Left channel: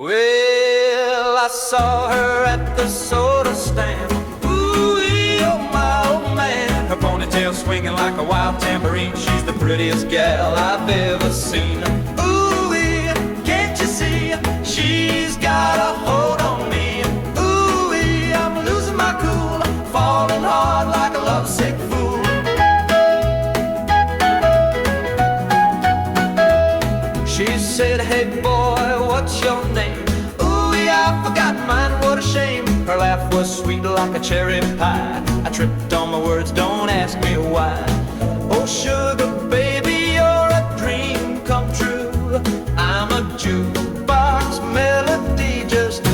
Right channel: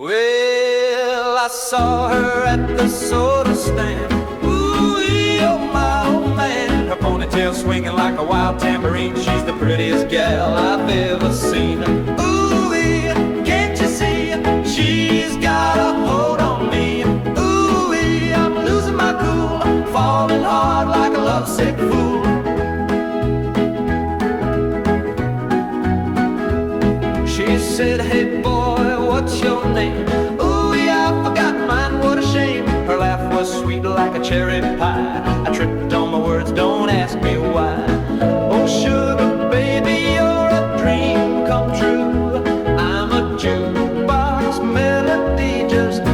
Well, I saw her at the soda stand. Ooh-wee, oh my old man. Her ponytail swinging like a wild tambourine. She's the prettiest gal I've ever seen. Ooh-wee, can't you see? She's got a hold on me. Ooh-wee, I'm losing my cool, falling hard like a lovesick fool. She said, hey boy, what's your name? Ooh, yeah, I forgot mine, what a shame. Her laugh was sweet like a cherry pie. I tripped on my words, don't ask me why. Oh, sugar baby, you're a dream come true. I'm a jukebox melody just